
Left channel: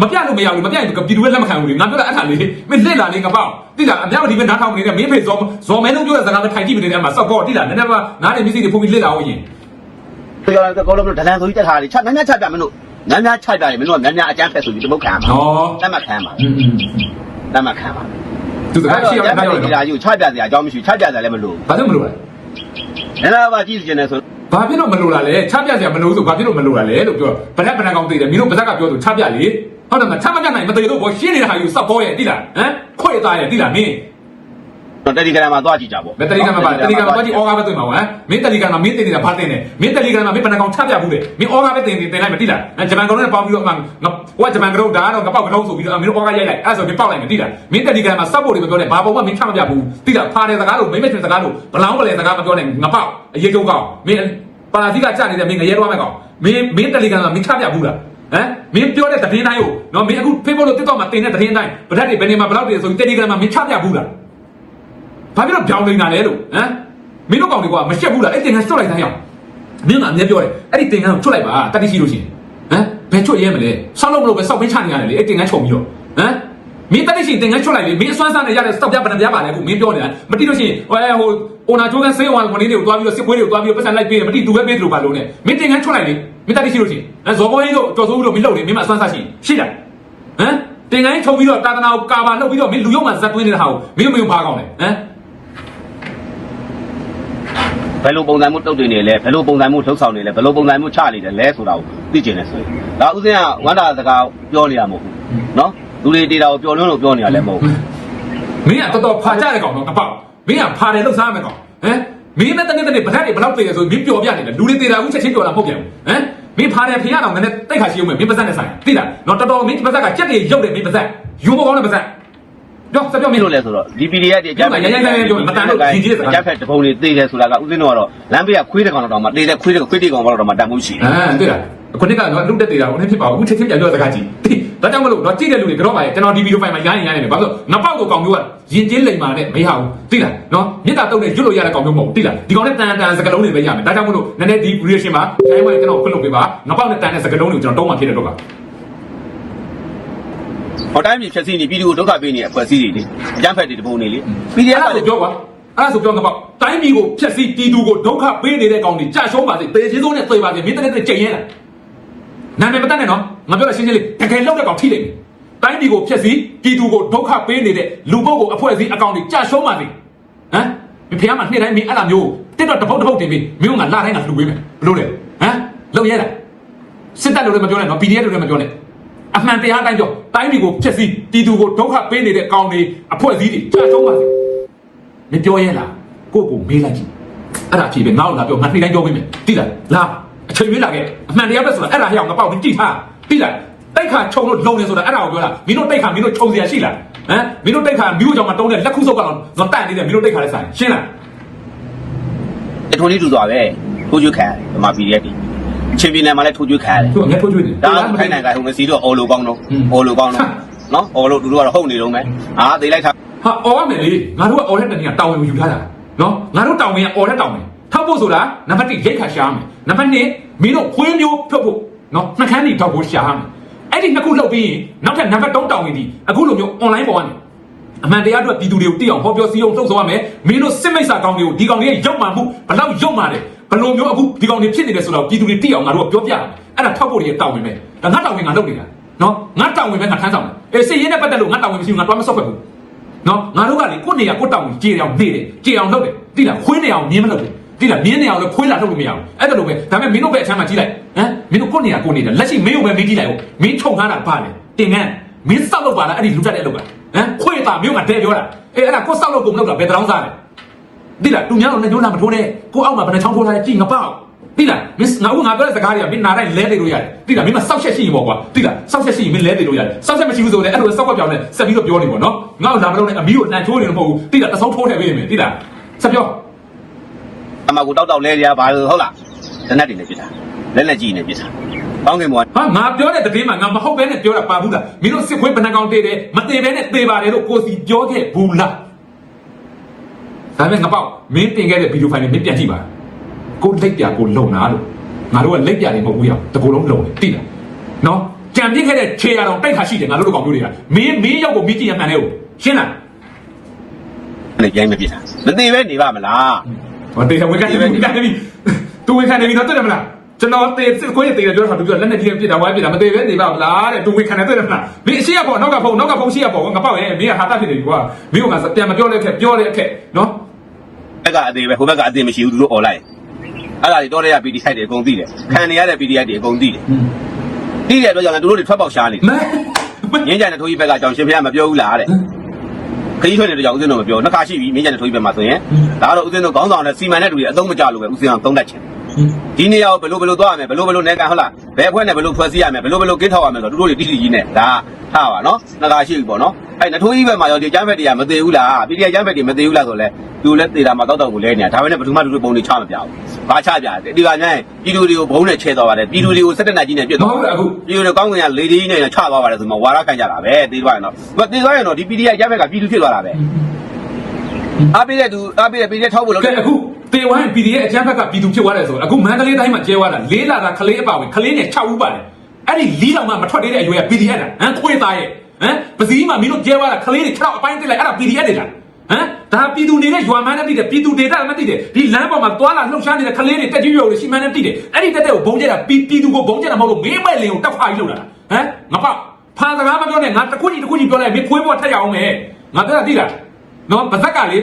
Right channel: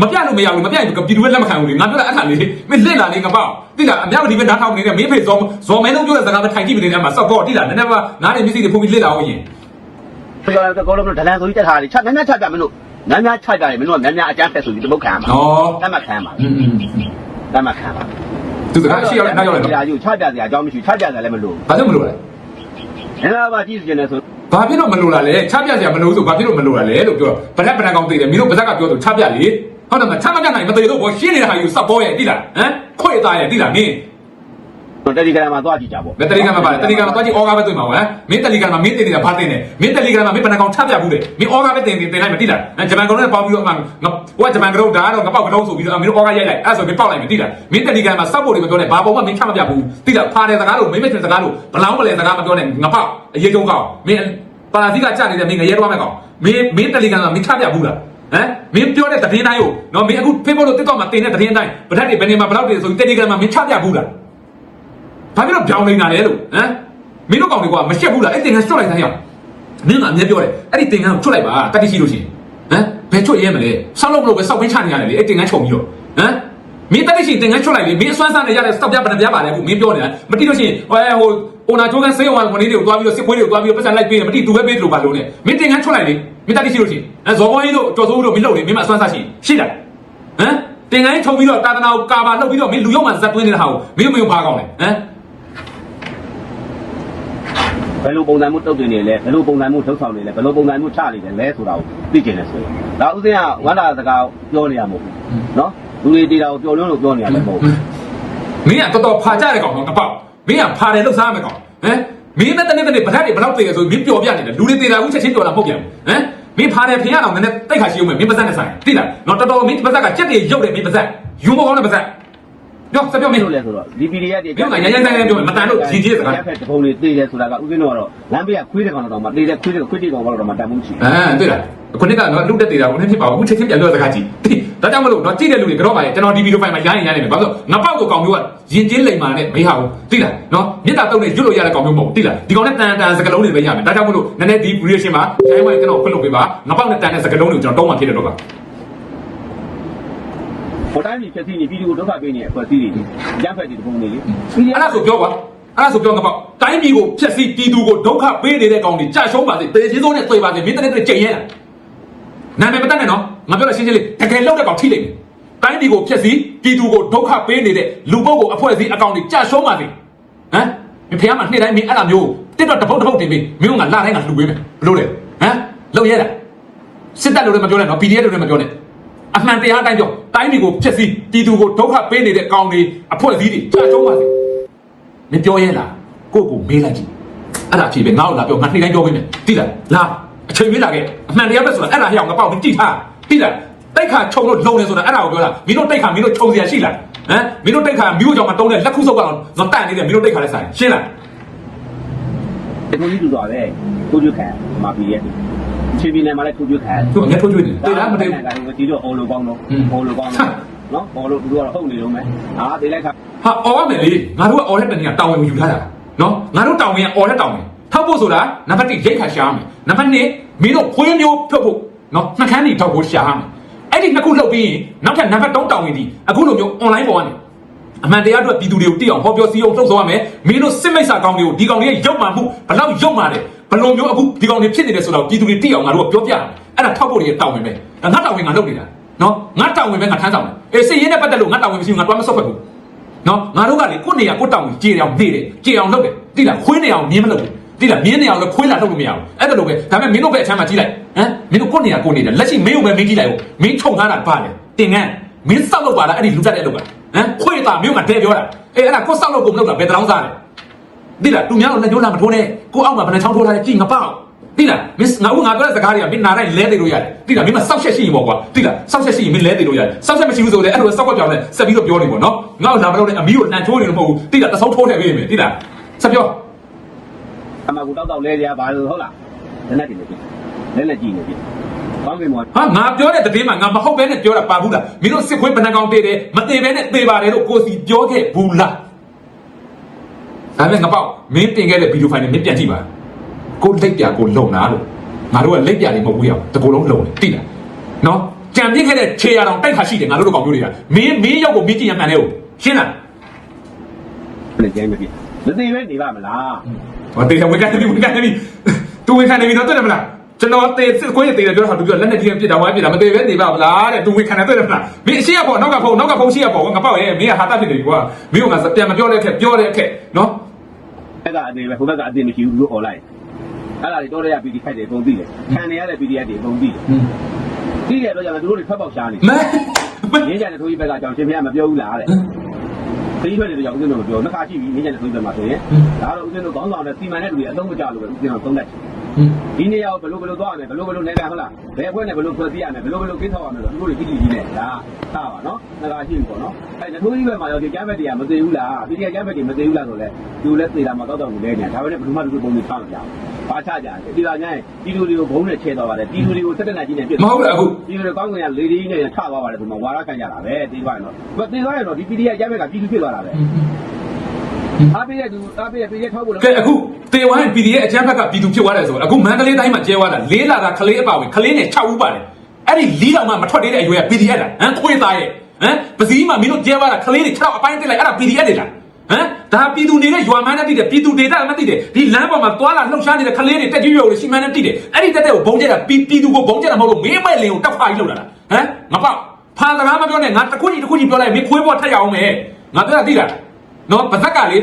မပြလို့မရဘူးမပြရင်ပြည်သူကလက်မခံဘူးလေငါတို့အဲ့ဒါလေးမင်းလက်လာနေကဖောက်တိလာအမြောက်ဒီပဲနားထောင်နေတဲ့မင်းဖေဇောဇော်မဲလုံးပြောတဲ့စကားမထိုင်ကြည့်ပြီးနေတဲ့မှာစောက်ကောတိလာနည်းနည်းမှနားနေမရှိသေးဘူးလက်လာအောင်ရင်ပြောရတဲ့ကောလုံးဒလန်ဆိုကြီးတက်ထားတယ်ချများများချပြမလို့များများချပြရင်မလို့များများအကျန်းဖဲဆိုပြီးဒီဘုတ်ခံပါဟောလက်မခံပါอืมလက်မခံပါ သူစကားရှိရောက်နေရောက်ဒီလာလာယူချပြစရာအကြောင်းမရှိချပြစရာလည်းမလိုဘာလို့မလို့လဲဘူးအဲ့ဒါပါကြည့်နေတယ်ဆိုဘာဖြစ်လို့မလို့လာလဲချပြစရာမလို့ဆိုဘာဖြစ်လို့မလို့လာလဲလို့ပြောဘာနဲ့ဘယ်နှကောင်သိတယ်မင်းတို့ပါဇက်ကပြောဆိုချပြလေဟုတ်တယ်မချမပြနိုင်မသိလို့ဘောရှင်းနေတဲ့ဟာယူစောက်ကောရဲ့တိလာဟမ်ခွေသားရဲ့တိလာမင်း တော့တယ်လီဂရမ်မှာသွားကြည့်ကြပေါ့မတယ်လီဂရမ်မှာပါတယ်လီဂရမ်မှာတော့ကြည့်အော်ကားပဲတွေ့မှာပေါ့ဟမ်မင်းတယ်လီဂရမ်မှာမင်းတင်နေတာဘာတင်နေမင်းတယ်လီဂရမ်မှာမင်းဘယ်နှကောင်ချပြဘူးလေမင်းအော်ကားပဲတင်တင်တင်လိုက်မသိလားဂျပန်ကောင်နဲ့ပေါင်းပြီးတော့မှဟိုဂျပန်ကောင်ဒါကတော့ငါပေါက်ကောင်ဆိုပြီးတော့မင်းအော်ကားရိုက်လိုက်အဲ့ဆိုမင်းပေါက်လိုက်မသိလားမင်းတယ်လီဂရမ်မှာစောက်ဖို့တွေမပြောနဲ့ဘာပုံမှမင်းချမပြဘူးသိလားဖားတဲ့စကားလို့မင်းမတင်စကားလို့ဘလောင်းမလဲစကားမပြောနဲ့ငါပေါက်အရေးကြုံကောင်မင်းပါလာတိကကြနေတဲ့မင်းငရဲတော့မယ်ကောင်မင်းမင်းတယ်လီဂရမ်မှာမင်းချပြဘူးလားဟမ်မင်းပြောတဲ့တည်င်းတိုင်းကိုနော်မင်းအခုဖေးဖို့လို့တက်တော့မှတင်တဲ့တည်င်းတိုင်းဗဒတ်ဒီဘယ်နေမှာဘလောက်တွေဆိုတယ်လီဂရမ်မှာမင်းချပြဘူးလား ဘာဖြစ်လို့ပြောင်းနေတာလဲလို့ဟမ်မင်းတို့ကောင်တွေကမရှက်ဘူးလားအဲ့တင်ကချွတ်လိုက်တိုင်းရအောင်မင်းကအမြဲပြောတယ်အဲ့ဒီတင်ကကိုချွတ်လိုက်ပါတတိရှိလို့ရှိရင်ဟမ်ဘယ်ချွတ်ရဲမလဲဆောက်လို့မလို့ပဲစောက်ပင်းချနေရတယ်လေအဲ့တင်ကချုပ်ပြီးတော့ဟမ်မင်းတတိရှိတင်ကချွတ်လိုက်လေမင်းအစွမ်းစားနေရတဲ့စောက်ပြပဒံပြပါလေအခုမင်းပြောနေတာမတိလို့ရှိရင်ဟိုဟိုအိုနာကျိုးကန်ဆေးဝါကိုလေးတွေကိုတွားပြီးတော့စစ်ပွဲတွေကိုတွားပြီးတော့ပတ်စံလိုက်ပြီးမတိသူပဲပေးလို့ပါလို့နဲ့မင်းတင်ကချွတ်လိုက်လေမင်းတတိရှိလို့ရှိရင်ဟမ်ဇော်ကောင်းကြီးတို့တော်စိုးတို့မင်းလုပ်နေမင်းမအစွမ်းစားရှိရှိတယ်ဟမ်တင်ကိုင်းထုတ်ပြီးတော့တာသနာကိုကာဘာလုပ်ပြီးတော့မင်းလူရုံမှဇက်သွင်းနေတာဟာကိုမင်းမယုံပါကောင်းလေဟမ် ဘယ်လိုပုံစံမျိုးတုတ်တင်နေလဲဘယ်လိုပုံစံမျိုးလှုပ်ဆောင်နေလဲဘယ်လိုပုံစံမျိုးချနေတယ်လဲဆိုတာကိုသိကျင်နေဆိုရင်ဒါဥစဉ်ကဝန္တာစကားပြောနေတာမဟုတ်ဘူးနော်လူတွေတေတာကိုပြောလွန်းလို့ပြောနေတာလည်းမဟုတ်ဘူးမင်းကတော်တော်ဖာကြတဲ့ကောင်တော့တပေါက်မင်းကဖာတယ်လို့စားမယ်ကောင်ဟမ်မင်းနဲ့တနေ့တနေ့ဗဒတ်တွေဘယ်တော့တည်ရဆိုမင်းပျော်ပြနေတာလူတွေတည်တာအခုချက်ချင်းပျော်တာမဟုတ်ပြန်ဘူးဟမ်မင်းဖာတယ်ခင်ရတော့နည်းနည်းတိတ်ခါရှိအောင်မင်းပါဇက်နဲ့ဆိုင်တိလားတော့တော်တော်မင်းပါဇက်ကကြက်တွေရုပ်တယ်မင်းပါဇက်ယူမကောင်းတဲ့ပါဇက် ပြောစပြောမမင်းင်းတို့တို့လဲဆိုတော့ DPD ရဲ့အကြမ်းဖက်ရရရရပြောမတန်လို့ဒီကြီးစကားအကြမ်းဖက်တပုံတွေတေးတယ်ဆိုတာကဥစဉ်တော့ကတော့လမ်းဘေးကခွေးတဲ့ကောင်တော့မှတေးတဲ့ခွေးတဲ့ခွေးတဲ့ကောင်တော့မှတန်မှုရှိတယ်အာတွေ့လားခொနစ်ကတော့လုတ်တက်နေတာကိုလည်းဖြစ်ပါဘူးချက်ချင်းပြန်ပြောစကားကြည့်ဒါကြောင့်မလို့တော့ကြည့်တဲ့လူတွေကတော့ပါကျွန်တော်ဒီဗီဒီယိုဖိုင်မှာရိုင်းရင်ရိုင်းနေတယ်ဘာလို့နပောက်ကိုကောင်မျိုးကရင်ချင်းလိမ်မာနဲ့မေးဟာဘူးသိလားနော်မြစ်တာတုတ်နဲ့ရွတ်လို့ရတဲ့ကောင်မျိုးမဟုတ်သိလားဒီကောင်နဲ့တန်တန်စကလုံးတွေပဲရတယ်ဒါကြောင့်မလို့နည်းနည်းဒီ creation မှာအဲဝိုင်းကျွန်တော်ဖွင့်လို့ပေးပါနပောက်နဲ့တန်တဲ့စကလုံးတွေကိုကျွန်တော်တောင်းမှဖြစ်တယ်တော့ပါ ဟောတိုင်းပြည်ဖြည့်စည်းနေပြည်သူကိုဒုက္ခပေးနေအဖွဲ့အစည်းတွေအကြမ်းဖက်တွေတပုံနေလေ PDF အဲ့ဒါဆိုပြောပါအဲ့ဒါဆိုပြောတော့တိုင်းပြည်ကိုဖျက်ဆီးပြည်သူကိုဒုက္ခပေးနေတဲ့ကောင်တွေကြာရှုံးပါစေတည်ချင်းဆုံးနဲ့တွေ့ပါစေမင်းတနေ့တည်းကြိမ်ရဲနာမည်မတတ်နဲ့နော်ငါပြောလို့ရှင်းရှင်းလေးတကယ်လောက်တဲ့ကောင်ထိလိမ့်တိုင်းပြည်ကိုဖျက်ဆီးပြည်သူကိုဒုက္ခပေးနေတဲ့လူပုဂ္ဂိုလ်အဖွဲ့အစည်းအကောင်တွေကြာရှုံးပါစေဟမ်ဒီဖះမှာနေ့တိုင်းမင်းအဲ့လိုမျိုးတစ်တော့တစ်ပုတ်တစ်ပုတ်တင်ပြီးမင်းကလာတိုင်းကလှူပေးမယ်ဘလို့လဲဟမ်လောက်ရဲလားစစ်တပ်လူတွေမပြောနဲ့နော် PDF လူတွေမပြောနဲ့ အမှန်တရားတိုင်းကြောင့်တိုင်းတွေကိုဖြစ်စီတီတူကိုဒုက္ခပေးနေတဲ့ကောင်တွေအဖွဲ့အစည်းတွေကြာဆုံးပါလေမပြောရဲလားကိုကိုမေးလိုက်ကြည့်အဲ့ဒါဖြစ်ပဲနောက်လာပြောငါနှိမ့်တိုင်းပြောပေးမယ်တိလားလာအချိန်ပေးလာခဲ့အမှန်တရားပဲဆိုတော့အဲ့ဒါဟဲ့အောင်ငါပေါ့မင်းတိထားတိလားတိုက်ခါခြုံလို့လုံနေဆိုတာအဲ့ဒါကိုပြောတာမင်းတို့တိုက်ခါမင်းတို့ခြုံစရာရှိလားဟမ်မင်းတို့တိုက်ခါမြို့ကြောင်မှာတုံးတဲ့လက်ခုဆုပ်ကောင်ဇွန်တန်နေတယ်မင်းတို့တိုက်ခါလဲဆိုင်ရှင်းလားအထွန်းကြီးတူစွာပဲကိုကျုခံဒီမှာ PDF တွေ ချင်းပြည်နယ်မှာလည်းထိုးကျွတ်ခံရတယ်သူကငါထိုးကျွေးတယ်ဒါလားမှမမသိဟုတ်ဘူးနိုင်ငံကဟိုမစီတော့အော်လိုကောင်းတော့อืมအော်လိုကောင်းတော့နော်အော်လိုတူတို့ကတော့ဟုတ်နေလုံးပဲအာသေးလိုက်ခါဟာအော်ရမယ်လေငါတို့ကအော်တဲ့တနည်းကတာဝန်ယူထားတာနော်ငါတို့တာဝန်ကအော်တဲ့တာဝန်ထောက်ဖို့ဆိုတာနံပါတ်1ရိတ်ခါရှာမယ်နံပါတ်2မင်းတို့ခွေးမျိုးဖြုတ်ဖို့နော်နှက်ခမ်းတွေတော့ကိုရှာမယ်အဲ့ဒီနှစ်ခုလုပ်ပြီးရင်နောက်ထပ်နံပါတ်3တာဝန်ဒီအခုလိုမျိုး online ပေါ်ကနေအမှန်တရားအတွက်ပြည်သူတွေကိုတိအောင်ဟောပြောစီအောင်လှုပ်ဆောင်ရမယ်မင်းတို့စစ်မိတ်ဆာကောင်းတွေကိုဒီကောင်တွေရုပ်မှန်မှုဘယ်တော့ရုပ်မှန်လဲ ဘယ်လိုမျိုးအခုဒီကောင်တွေဖြစ်နေတယ်ဆိုတော့ပြည်သူတွေတိအောင်ငါတို့ကပြောပြတယ်အဲ့ဒါထောက်ဖို့တွေတောင်းဝင်မယ်ဒါငါတောင်းဝင်ငါလုပ်နေတာနော်ငါတောင်းဝင်မယ်ငါထမ်းတောင်းမယ်အေးစစ်ရေးနဲ့ပတ်သက်လို့ငါတောင်းဝင်မရှိဘူးငါဘာမှမဆော့ဖက်ဘူးနော်ငါတို့ကလေကိုယ့်နေရာကိုယ့်တောင်ကိုကြေအောင်နေတယ်ကြေအောင်လုပ်တယ်တိလားခွေးနေအောင်မြင်းမလုပ်ဘူးတိလားမြင်းနေအောင်လည်းခွေးလာထုတ်လို့မရဘူးအဲ့ဒါလိုပဲဒါပေမဲ့မင်းတို့ပဲအချမ်းမှာကြည့်လိုက်ဟမ်မင်းတို့ကိုယ့်နေရာကိုယ့်နေတယ်လက်ရှိမင်းတို့ပဲမင်းကြည့်လိုက်ဟုတ်မင်းခြုံထားတာပါတယ်တင်ငန်းမင်းစောက်လို့ပါလားအဲ့ဒီလူတက်တဲ့လုပ်ပါဟမ်ခွေးတာမင်းကတဲပြောတာအေးအဲ့ဒါကိုယ်စောက်လို့ကုန်လုပ်တာဘယ်တောင်းစားလဲ တိလားသူများတော့လည်းပြောတာမထိုးနဲ့ကိုအောက်မှာဘယ်နှချောင်းထိုးထားလဲကြည့်ငါပေါ့တိလားမင်းငါဦးငါပြောတဲ့စကားတွေကမင်းနားလိုက်လဲနေလို့ရတယ်တိလားမင်းကစောက်ချက်ရှိရင်ပေါ့ကွာတိလားစောက်ချက်ရှိရင်မင်းလဲနေလို့ရတယ်စောက်ချက်မရှိဘူးဆိုတော့အဲ့လိုစောက်ကြောင်လဲဆက်ပြီးတော့ပြောနေပေါ့နော်ငါ့ကိုဒါမှမဟုတ်အမီးကိုနှံထိုးနေလို့မဟုတ်ဘူးတိလားတဆုံးထိုးနေပြီတိလားဆက်ပြောအမကူတောက်တောက်လဲကြပါလို့ဟုတ်လားတနက်တွေနဲ့ပြစ်တာလက်လက်ကြီးနဲ့ပြစ်တာကောင်းကင်မောဟာငါပြောတဲ့တတိမှာငါမဟုတ်ဘဲနဲ့ပြောတာပါဘူးလားမင်းတို့စစ်ခွေးဘယ်နှကောင်တေးတယ်မတေးဘဲနဲ့သေပါတယ်လို့ကိုစီပြောခဲ့ဘူးလား ဒါပဲငါပေါ့မင်းတင်ခဲ့တဲ့ဗီဒီယိုဖိုင်လေးမင်းပြန်ကြည့်ပါကိုလက်ပြကိုလုံနာလို့ငါတို့ကလက်ပြလေးမဟုတ်ဘူးရောက်တကူလုံးလုံတယ်တိတယ်နော်ကြံပြစ်ခဲ့တဲ့ခြေရအောင်တိုက်ခါရှိတယ်ငါတို့တို့ကောင်မျိုးတွေကမင်းမင်းရောက်ကိုမင်းကြည့်ရမှန်တယ်ဟုတ်ရှင်းလားနဲ့ကြိုင်းမပြစ်တာမသေးပဲနေပါမလားဟောတေးဝေကနေဝေကနေပြီသူဝေကနေပြီတော့တဲ့မလားကျွန်တော်တေးစစ်ကိုရတေးတယ်ပြောတာသူပြောလက်နဲ့ကြီးပြစ်တာဝိုင်းပြစ်တာမသေးပဲနေပါမလားတဲ့သူဝေခံတယ်တဲ့မလားမင်းအရှိရပေါ်နောက်ကဖုန်းနောက်ကဖုန်းရှိရပေါ်ငါပေါ့ဟဲ့မင်းကဟာတတ်ဖြစ်တယ်ကွာမင်းကပြန်မပြောတဲ့အခက်ပြောတဲ့အခက်နော်ဘ က်ကအသေးပဲဟိုဘက်ကအသေးမရှိဘူးသူတို့អော်လိုက်အဲ့ဒါတွေတော့တဲ့က PDF တွေအကုန်သိတယ်ခံနေရတဲ့ PDF တွေအကုန်သိတယ်သိတဲ့အတွက်ကြောင့်လည်းသူတို့တွေထွက်ပေါက်ရှားနေမဲငင်းကြတဲ့ထိုးကြီးဘက်ကအကြောင်းရှင်ဖေကမပြောဘူးလားတဲ့ခကြီးထွက်တဲ့ကြောင့်ဦးစင်းတို့မပြောနှစ်ခါရှိပြီငင်းကြတဲ့ထိုးကြီးဘက်မှာဆိုရင်ဒါတော့ဦးစင်းတို့ခေါင်းဆောင်နဲ့စီမံတဲ့လူတွေအသုံးမကျလို့ပဲဦးစင်းအောင်သုံးတတ်ချင် ဒီနေရာကိုဘယ်လိုဘယ်လိုသွားရမလဲဘယ်လိုဘယ်လိုနေကန်ဟုတ်လားဘယ်အဖွဲ့နဲ့ဘယ်လိုဖွဲ့စည်းရမလဲဘယ်လိုဘယ်လိုကင်းထောက်ရမလဲဆိုတော့သူတို့တွေတိတိကြီးနဲ့ဒါထားပါနော်နှစ်ခါရှိပြီပေါ့နော်အဲ့နထိုးကြီးဘက်မှာရောဒီအကျမ်းဘက်တွေကမသေးဘူးလား PDF အကျမ်းဘက်တွေမသေးဘူးလားဆိုလဲသူလည်းသေတာမှာတောက်တော့ကိုလဲနေတာဒါပဲနဲ့ဘယ်သူမှလူတွေပုံတွေချမပြဘူးဘာချပြတယ်ဒီကညပြည်သူတွေကိုဘုံနဲ့ချဲသွားပါတယ်ပြည်သူတွေကိုစက်တက်နာကြီးနဲ့ပြစ်မသွားဟုတ်ဘူးအခုပြည်သူတွေကောင်းကင်ကလေဒီနဲ့ချသွားပါတယ်ဆိုမှဝါရခံကြတာပဲတေးသွားရင်တော့သူတေးသွားရင်တော့ဒီ PDF အကျမ်းဘက်ကပြည်သူဖြစ်သွားတာပဲ အားပေးတဲ့သူအားပေးတဲ့ PDF ထောက်ဖို့လုပ်ကဲအခုတေဝိုင်း PDF အချမ်းဘက်ကပြည်သူဖြစ်သွားတယ်ဆိုတော့အခုမန္တလေးတိုင်းမှာကျဲသွားတာလေးလာတာကလေးအပါဝင်ကလေးနဲ့6ဦးပါတယ်အဲ့ဒီလီးတောင်မှမထွက်သေးတဲ့အရွယ်က PDF လားဟမ်ခွေးသားရဲ့ဟမ်ပစည်းမှာမင်းတို့ကျဲသွားတာကလေးတွေ6အပိုင်းတက်လိုက်အဲ့ဒါ PDF တွေလားဟမ်ဒါပြည်သူနေတဲ့ရွာမှန်းနဲ့တည်တယ်ပြည်သူဒေတာနဲ့တည်တယ်ဒီလမ်းပေါ်မှာသွားလာလှုပ်ရှားနေတဲ့ကလေးတွေတက်ကြီးရုံတွေရှိမှန်းနဲ့တည်တယ်အဲ့ဒီတက်တဲ့ကိုဘုံကျဲတာပြည်ပြည်သူကိုဘုံကျဲတာမဟုတ်လို့မင်းမဲ့လင်ကိုတောက်ဖာကြီးလုပ်တာဟမ်မပေါ့ဖာစကားမပြောနဲ့ငါတစ်ခုကြီးတစ်ခုကြီးပြောလိုက်မင်းခွေးပေါ်ထက်ရအောင်မယ်ငါပြောတာသိလားနော်ပါဇက်ကလေ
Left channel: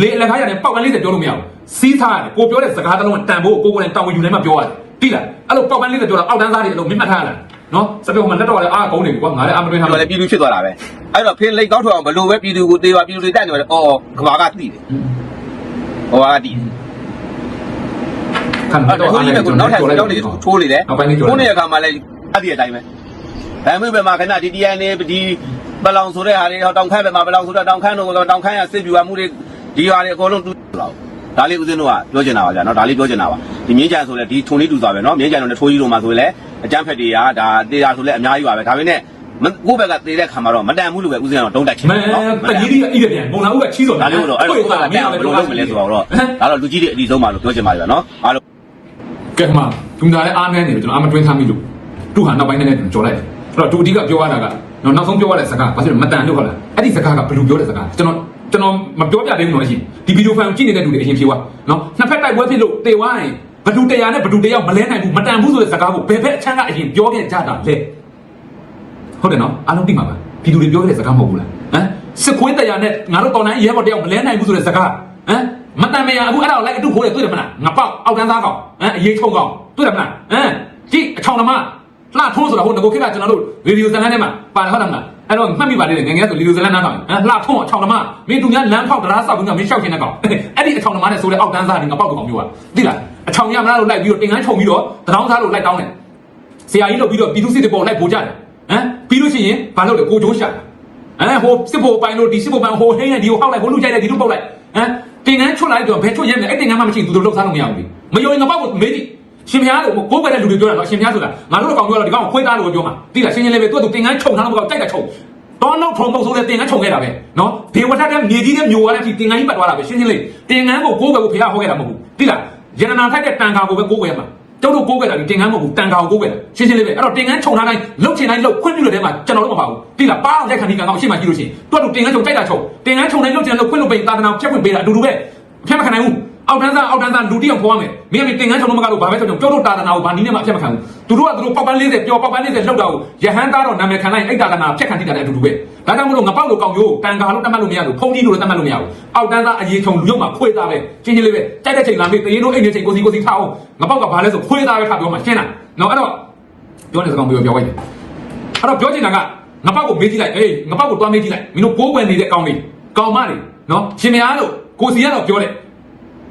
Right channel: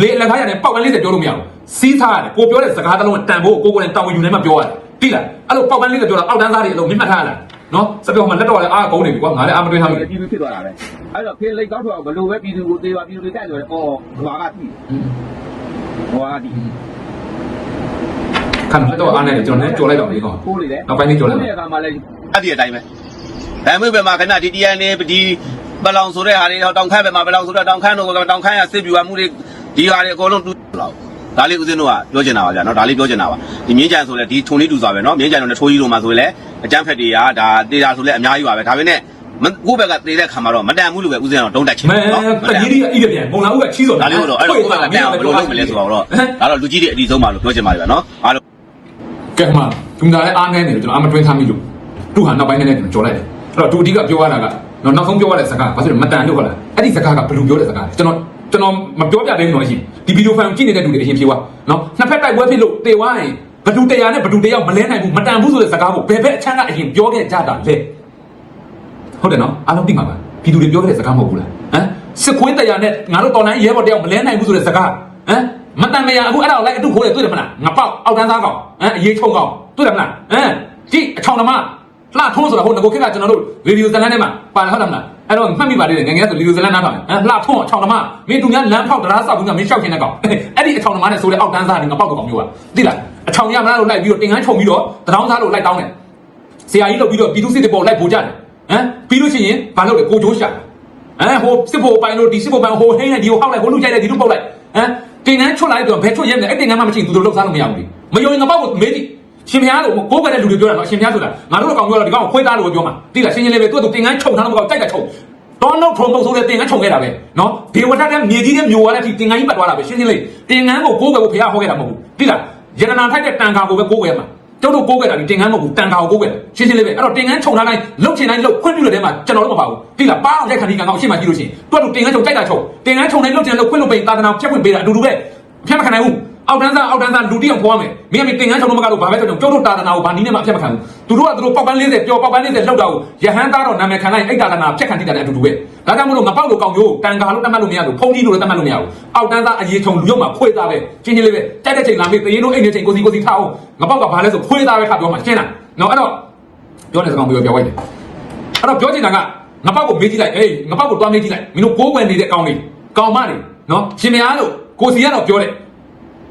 လေအလကားရတယ်ပေါက်ပန်းလေးတွေပြောလို့မရဘူးစီးထားတယ်ကိုပြောတဲ့စကားတစ်လုံးတန်ဖို့ကိုကိုယ်နဲ့တောင်းဝင်ယူနေမှပြောရတယ်သိလားအဲ့လိုပေါက်ပန်းလေးတွေပြောတာအောက်တန်းသားတွေအလုံးမြင့်မှတ်ထားလားနော်စပြောမှလက်တော့လည်းအားကုန်းနေပြီကွာငါလည်းအားမတွင်းထားတော့လို့လည်းပြည်သူဖြစ်သွားတာပဲအဲ့တော့ဖင်းလိတ်ကောက်ထွက်အောင်ဘယ်လိုပဲပြည်သူကိုတေးပါပြည်သူတွေတက်နေတယ်အော်ကဘာကတိတယ်ဟောကတိခံအဲ့တော့တော့အားဒီနဲ့ကကျွန်နောက်တော်ထပ်လည်းကြောက်တွေထိုးနေတယ်ထိုးနေတဲ့အခါမှာလည်းအဲ့ဒီအတိုင်းပဲအဲမြို့ပဲမှာခဏဒီ DNA ဒီပလောင်ဆိုတဲ့ဟာတွေတောင်ခမ်းပဲမှာပလောင်ဆိုတော့တောင်ခမ်းတို့တောင်ခမ်းရစစ်ပြူမှုတွေ ဒီဟာတွေအကုန်လုံးတူတော့ဒါလေးဦးစင်းတို့ကပြောချင်တာပါဗျာနော်ဒါလေးပြောချင်တာပါဒီမြင်းကြံဆိုလဲဒီထုံလေးတူစွာပဲနော်မြင်းကြံတို့နဲ့ထိုးကြီးတို့မှာဆိုလဲအကြမ်းဖက်တွေကဒါတေးတာဆိုလဲအများကြီးပါပဲဒါပေမဲ့ကိုယ့်ဘက်ကတေးတဲ့ခံမှာတော့မတန်ဘူးလို့ပဲဦးစင်းတော့တုံးတက်ချင်မဲတယ်နော်တကြီးကြီးကပြန်ဘုံလာဦးကချီးတော်ဒါလေးတော့အဲ့တော့ကိုယ်ကအပြဘယ်လိုလုပ်မလဲဆိုတော့ဒါတော့လူကြီးတွေအဒီဆုံးပါလို့ပြောချင်ပါလေဗျာနော်အားလုံးကဲမှသူငါလည်းအားနေတယ်ကျွန်တော်အမတွင်းထားမိလို့သူဟာနောက်ပိုင်းနဲ့ကြော်လိုက်တယ်အဲ့တော့သူအဓိကပြောရတာကနော်နောက်ဆုံးပြောရတဲ့စကားဘာလို့မတန်လို့ခလားအဲ့ဒီစကားကဘယ်လိုပြောတဲ့စကားကျွန်တော် ကျွန်တော်မပြောပြသေးဘူးနော်ရှိဒီဗီဒီယိုဖိုင်ကိုကြည့်နေတဲ့လူတွေအရင်ဖြေပါနော်နှစ်ဖက်တိုက်ပွဲဖြစ်လို့တေဝိုင်းဘဒူတရားနဲ့ဘဒူတရားမလဲနိုင်ဘူးမတန်ဘူးဆိုတဲ့စကားကိုဘယ်ဘက်အချမ်းကအရင်ပြောခဲ့ကြတာလဲဟုတ်တယ်နော်အားလုံးသိမှာပါပြည်သူတွေပြောခဲ့တဲ့စကားမဟုတ်ဘူးလားဟမ်စစ်ခွေးတရားနဲ့ငါတို့တောင်တိုင်းရဲဘော်တယောက်မလဲနိုင်ဘူးဆိုတဲ့စကားဟမ်မတန်မရအခုအဲ့ဒါကိုလိုက်အတူခိုးရတွေ့တယ်မလားငါပေါက်အောက်တန်းသားကောင်ဟမ်အရေးချုံကောင်တွေ့တယ်မလားဟမ်ကြည့်အချောင်းသမား လှထုံးဆိုတော့ဟိုငကိုခက်ကကျွန်တော်တို့ရေဒီယိုဇလန်ထဲမှာပါဟုတ်လားမလားအဲ့တော့မှတ်မိပါလေငယ်ငယ်ဆိုရေဒီယိုဇလန်နားတော့အဲလှထုံးအချောင်းသမားမင်းသူများလမ်းဖောက်တရားဆောက်ပြီးတော့မင်းရှောက်ခြင်းနဲ့ကောင်အဲ့ဒီအချောင်းသမားနဲ့ဆိုလေအောက်တန်းစားနေငါပေါက်ကောင်မျိုးอ่ะသိလားအချောင်းရမလားလို့လိုက်ပြီးတော့တင်ငန်းခြုံပြီးတော့တထောင်းစားလို့လိုက်တောင်းတယ်ဆရာကြီးလုပ်ပြီးတော့ပြည်သူစစ်တွေပေါ်လိုက်ပို့ကြတယ်ဟမ်ပြီးလို့ရှိရင်ဘာလုပ်လဲကိုချိုးရှာအဲဟိုစစ်ဖို့ပိုင်လို့ဒီစစ်ဖို့ပိုင်ဟိုဟင်းနဲ့ဒီကိုဟောက်လိုက်ဟိုလူကြိုက်တဲ့ဒီလိုပုတ်လိုက်ဟမ်တင်ငန်းချွတ်လိုက်တော့ဘယ်ချွတ်ရဲမလဲအဲ့တင်ငန်းမှမရှိဘူးသူတို့လောက်စားလို့မရဘူးမယုံရင်ငါပေါက်ကိုမင်းကြီး ရှင်များလို့ကိုယ်ကလည်းလူတွေပြောတာနော်ရှင်များဆိုတာငါတို့အကောင်ပြောတော့ဒီကောင်ကိုခွဲသားလို့ပြောမှာတိလားရှင်းရှင်းလေးပဲသူ့သူတင်ငန်းခြုံထားတော့မကောက်ကြိုက်ကခြုံတော့တော့ထုံဖို့ဆိုတဲ့တင်ငန်းခြုံခဲ့တာပဲနော်ဒေဝထတဲ့မြေကြီးတဲ့မျိုးရတဲ့အထိတင်ငန်းကြီးပတ်သွားတာပဲရှင်းရှင်းလေးတင်ငန်းကိုကိုယ်ကကိုဖျားဟောခဲ့တာမဟုတ်ဘူးတိလားယန္တနာထိုက်တဲ့တန်ခါကိုပဲကိုယ်ခဲ့မှာကျုပ်တို့ကိုယ်ခဲ့တာဒီတင်ငန်းမဟုတ်ဘူးတန်ခါကိုကိုယ်ခဲ့ရှင်းရှင်းလေးပဲအဲ့တော့တင်ငန်းခြုံထားတိုင်းလှုပ်ချင်တိုင်းလှုပ်ခွင့်ပြုလို့တဲ့မှာကျွန်တော်တို့မပါဘူးတိလားပါအောင်တဲ့ခဏဒီကောင်ကအရှိမှကြည့်လို့ရှိရင်တွတ်လို့တင်ငန်းခြုံကြိုက်တာခြုံတင်ငန်းခြုံတိုင်းလှုပ်ချင်လှုပ်ခွင့်လို့ပေးသာသနာဖြတ်ခွင့်ပေးတာအတူတူပဲဖြတ်ခနိုင်ဘူး အောက်တန်းသားအောက်တန်းသားလူတိအောင်ခေါ်မယ်မင်းကတင်ငန်းချုံတော့မကတော့ဘာပဲပြောကျုပ်တို့တာသနာကိုဘာနည်းနဲ့မှဖြတ်မခံဘူးသူတို့ကသူတို့ပောက်ပန်း40ပျော်ပောက်ပန်း40လှုပ်တော့ရဟန်းသားတော့နာမည်ခံလိုက်အိတ်တာသနာဖြတ်ခံတိတာတဲ့အတူတူပဲဒါကြောင့်မလို့ငပေါက်လို့ကောင်းကျိုးတန်ကာလို့တတ်မှတ်လို့မရဘူးဖုန်ကြီးလို့လည်းတတ်မှတ်လို့မရဘူးအောက်တန်းသားအကြီးထုံလူရုပ်မှာခွေးသားပဲချင်းချင်းလေးပဲတိုက်တဲ့ချိန်လာပြီတရေတို့အိမ်တဲ့ချိန်ကိုစီကိုစီထားအောင်ငပေါက်ကဘာလဲဆိုခွေးသားပဲခါပြောမှာရှင်းလားနော်အဲ့တော့ပြောနေစကားပြောပြောလိုက်တယ်အဲ့တော့ပြောချင်တာကငပေါက်ကိုမေးကြည့်လိုက်အေးငပေါက်ကိုတွားမေးကြည့်လိုက်မင်းတို့ကိုးကွယ်နေတဲ့ကောင်းလေးကောင်းမလေးနော်ရှင်မရလို့ကိုစီကတော့ပြောတယ်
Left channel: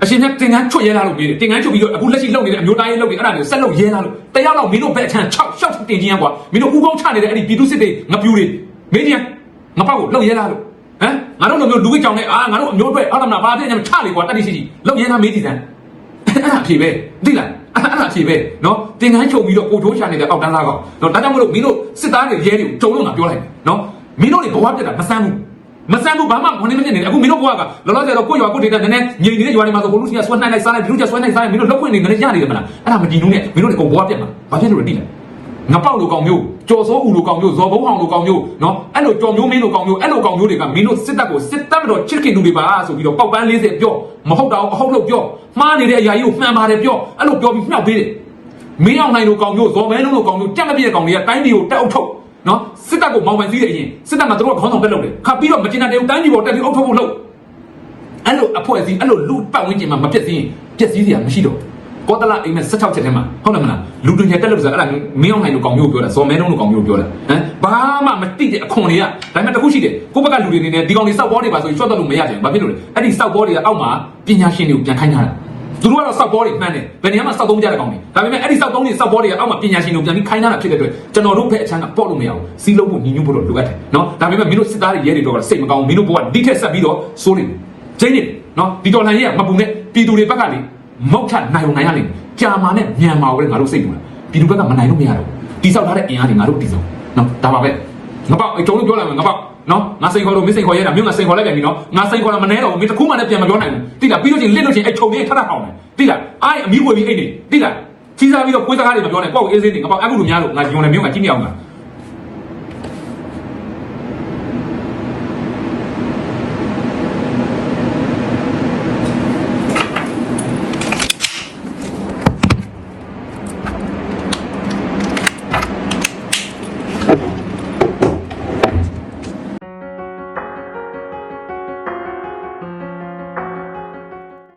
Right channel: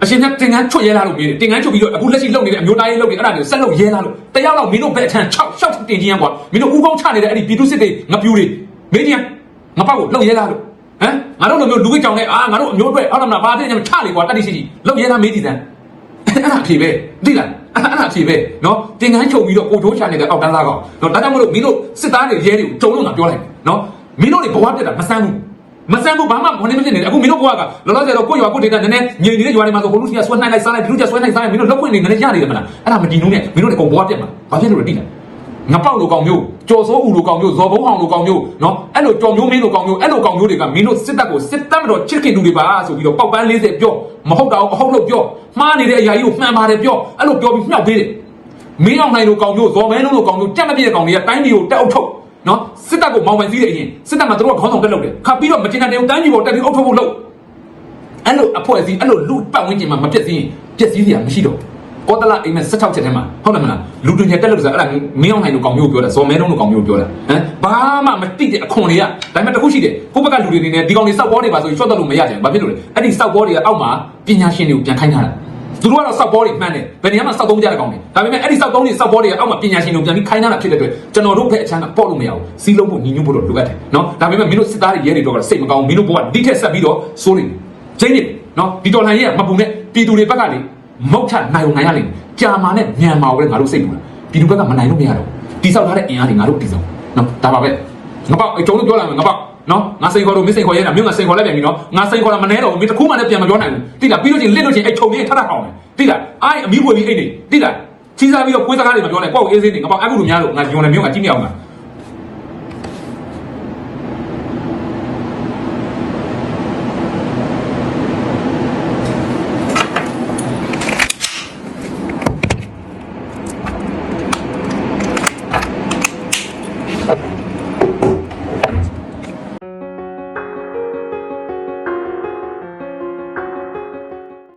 အရှင်ကတင်ငန်းချွတ်ရဲလာလို့ပြီးတယ်တင်ငန်းချွတ်ပြီးတော့အခုလက်ရှိလုပ်နေတဲ့အမျိုးသားရေးလုပ်နေအဲ့ဒါတွေဆက်လုပ်ရဲလာလို့တယောက်တော့မင်းတို့ကအခန်း6 6တင်ချင်းကွာမင်းတို့ဥပုံချနေတဲ့အဲ့ဒီပြည်သူစစ်တွေငပြူတွေမင်းကြီးငပောက်ကိုလုပ်ရဲလာလို့ဟမ်ငါတို့လိုမျိုးလူဝိကြောင်နဲ့အာငါတို့အမျိုးအတွက်ဟုတ်လားမလားမာပြင်းညမချလေကွာတက်တိရှိရှိလုပ်ရဲလာမေးတည်တယ်အဲ့ဒါဖြေပဲသိလားအဲ့ဒါဖြေပဲနော်တင်ငန်းချုပ်ပြီးတော့ကိုတိုးချနေတဲ့အောက်တန်းသားကောင်နော်ဒါကြောင့်မလို့မင်းတို့စစ်သားတွေရဲတွေတုံလို့ငါပြောလိုက်နော်မင်းတို့တွေဘဝပြတ်တာမဆန်းဘူး မဆန်ဘူးဘာမှမဝင်နေနေအခုမင်းတို့ကကလောလောဆယ်တော့ကိုယ့်ရွာကိုယ့်ဒေတာနည်းနည်းညင်ညင်ရွာတွေမှာဆိုကိုလူစီကဆွဲနိုင်လိုက်စားလိုက်ဒီလူကဆွဲနိုင်စားရင်မင်းတို့လောက်ခွင့်နေတယ်ရနေတယ်မလားအဲ့ဒါမကြည့်ဘူးနဲ့မင်းတို့အကုန်ဘွားပြက်မှာဘာဖြစ်လို့လဲတိလားငါပေါက်လိုကောင်မျိုးကြော်စိုးဦးလိုကောင်မျိုးဇော်ဘုံအောင်လိုကောင်မျိုးနော်အဲ့လိုကြော်မျိုးမင်းလိုကောင်မျိုးအဲ့လိုကောင်မျိုးတွေကမင်းတို့စစ်တပ်ကိုစစ်တပ်မတော်ချစ်ခင်တို့တွေပါဆိုပြီးတော့ပေါက်ပန်း40ပြောမဟုတ်တော့အဟုတ်လို့ပြောမှားနေတဲ့အရာကြီးကိုမှန်ပါတယ်ပြောအဲ့လိုပြောပြီးမြှောက်ပေးတယ်မင်းအောင်နိုင်လိုကောင်မျိုးဇော်မဲလုံးလိုကောင်မျိုးတက်မပြည့်တဲ့ကောင်တွေကတိုင်းပြည်ကိုတက်အုပ်ထုတ် နော်စစ်တပ်ကိုမောင်းပန်စည်းတဲ့အရင်စစ်တပ်မှာတို့ကခေါင်းဆောင်တက်လုပ်တယ်ခါပြီးတော့မတင်တဲ့တိုင်းပြည်ပေါ်တက်ပြီးအုပ်ထုတ်ဖို့လုပ်အဲ့လိုအဖွဲ့အစည်းအဲ့လိုလူပတ်ဝန်းကျင်မှာမပြည့်စည်ပြည့်စည်စရာမရှိတော့ဘူးကောတလာအိမ်မဲ့16ချက်ထဲမှာဟုတ်တယ်မလားလူတွေတက်လို့ဆိုအဲ့ဒါမင်းအောင်နိုင်လို့ကောင်းမျိုးပြောတာဇော်မဲလုံးလို့ကောင်းမျိုးပြောတာဟမ်ဘာမှမတိတဲ့အခွန်တွေကဒါပေမဲ့တခုရှိတယ်ကိုယ့်ဘက်ကလူတွေနေနေဒီကောင်တွေစောက်ပေါ်နေပါဆိုရင်ချွတ်တော့လို့မရကြဘူးဘာဖြစ်လို့လဲအဲ့ဒီစောက်ပေါ်တွေကအောက်မှာပညာရှင်တွေကိုပြန်ခိုင်းထားတာ သူတို့ကတော့စောက်ပေါ်တွေမှန်းတယ်ဘယ်နေရာမှာစောက်သုံးကြတဲ့ကောင်တွေဒါပေမဲ့အဲ့ဒီစောက်သုံးတွေစောက်ပေါ်တွေကအောက်မှာပညာရှင်တွေကိုပြန်ပြီးခိုင်းထားတာဖြစ်တဲ့အတွက်ကျွန်တော်တို့ဘက်အချမ်းကပေါ့လို့မရဘူးစီးလုံးဖို့ညီညွတ်ဖို့လိုအပ်တယ်နော်ဒါပေမဲ့မင်းတို့စစ်သားတွေရဲတွေတော့စိတ်မကောင်းဘူးမင်းတို့ဘောကဒီထက်ဆက်ပြီးတော့စိုးနေကျင်းနေနော်ဒီတော်လှန်ရေးကမပူနဲ့ပြည်သူတွေဘက်ကလေမုတ်ထနိုင်အောင်နိုင်ရနေကြာမာနဲ့ညံမာကိုလည်းငါတို့စိတ်ပူတာပြည်သူဘက်ကမနိုင်လို့မရဘူးတိဆောက်ထားတဲ့အင်အားတွေငါတို့တိဆောက်နော်ဒါပါပဲငါပေါ့အချုံလို့ပြောလာမယ်ငါပေါ့ နော်ငါစိတ်ခေါ်လို့မစိတ်ခေါ်ရဲတာမြို့ငါစိတ်ခေါ်လိုက်ပြန်ပြီနော်ငါစိတ်ခေါ်လာမနေတော့ဘူးမင်းတခုမှလည်းပြန်မပြောနိုင်ဘူးတိလားပြီးလို့ချင်းလစ်လို့ချင်းအချုံကြီးထထကောင်းတယ်တိလားအားအမီးပွေပြီးအိတ်နေတိလားချီးစားပြီးတော့ကိုယ်စကားတွေမပြောနဲ့ကိုယ့်ကိုအေးစင်းနေငါပေါ့အခုလိုများလို့ငါညုံနေမြို့ကကြည့်မရအောင်လား